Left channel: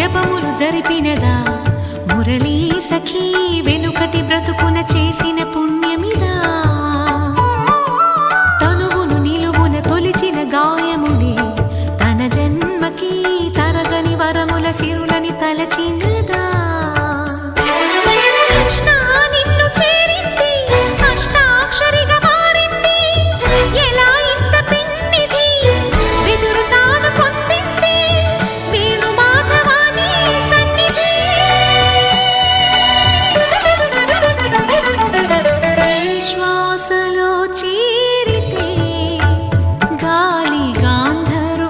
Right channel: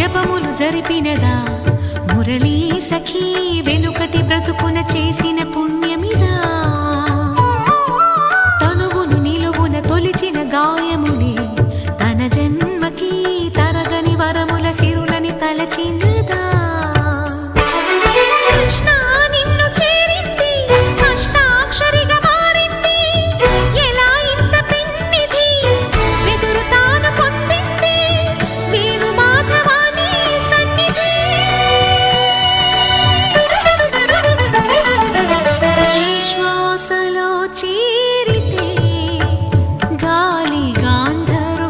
జపములు జరిపినదా? మురళీ సఖీ వెనుకటి బ్రతుకున చేసిన పుణ్యమిదా? తనువును నిలువున తొలిచిన గాయములే తన జన్మకి తరగని వరముల సిరులని తలచినదా శ్వాసలో చేరితే గాలి గాంధర్వ